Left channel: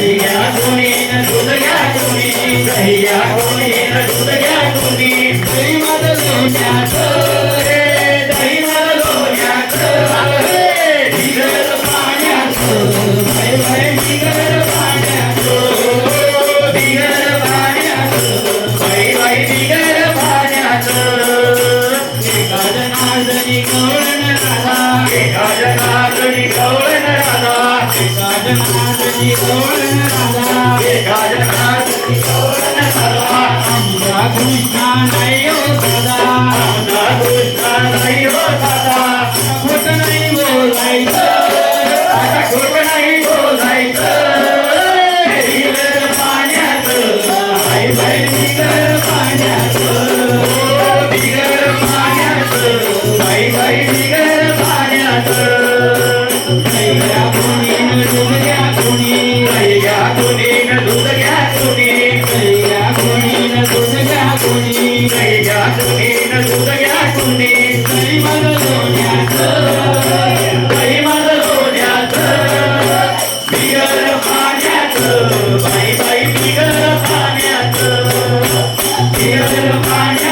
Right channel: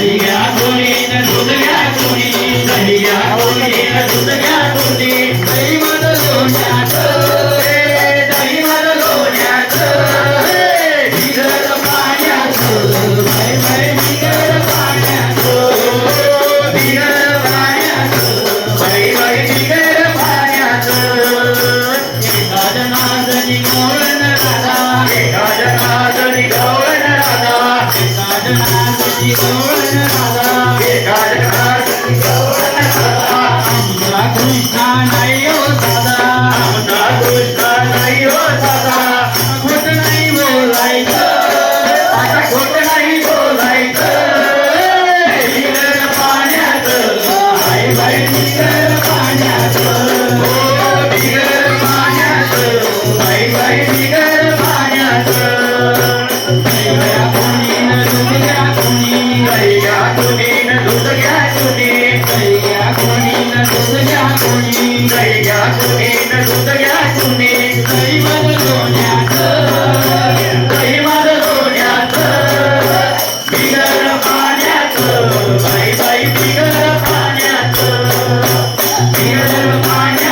दही घ्या कोणी न दूध घ्या कोणी दही घ्या कोणी न दूध घ्या कोणी दही मध लोण्याचं दही मध लोण्याचं बिगर पाण्याचं बाय बाय बिगर पाण्याचं बिगर पाण्याचं बाय बाय बिगर पाण्याचं एका जनार्दनी गवळण राधा एका जनार्दनी गवळण राधा एका जनार्दनी गवळण राधा एका जनार्दनी गवळण राधा आमचा कृष्णा नाही हो दादा आमचा कृष्णा नाही हो दादा खोट नाही बोलायचं आता खोट नाही बोलायचं बिगर पाण्याचं बाय बाय बिगर पाण्याचं बिगर पाण्याचं बाय बाय बिगर पाण्याचं दही घ्या कोणी न दूध घ्या कोणी दही घ्या कोणी न दूध घ्या कोणी दही घ्या कोणी न दूध घ्या कोणी दही घ्या कोणी न दूध घ्या कोणी दही मध लोण्याचं दही मध लोण्याचं बिगर पाण्याचं बाई बाई बिगर पाण्याचं बिगर पाण्याचं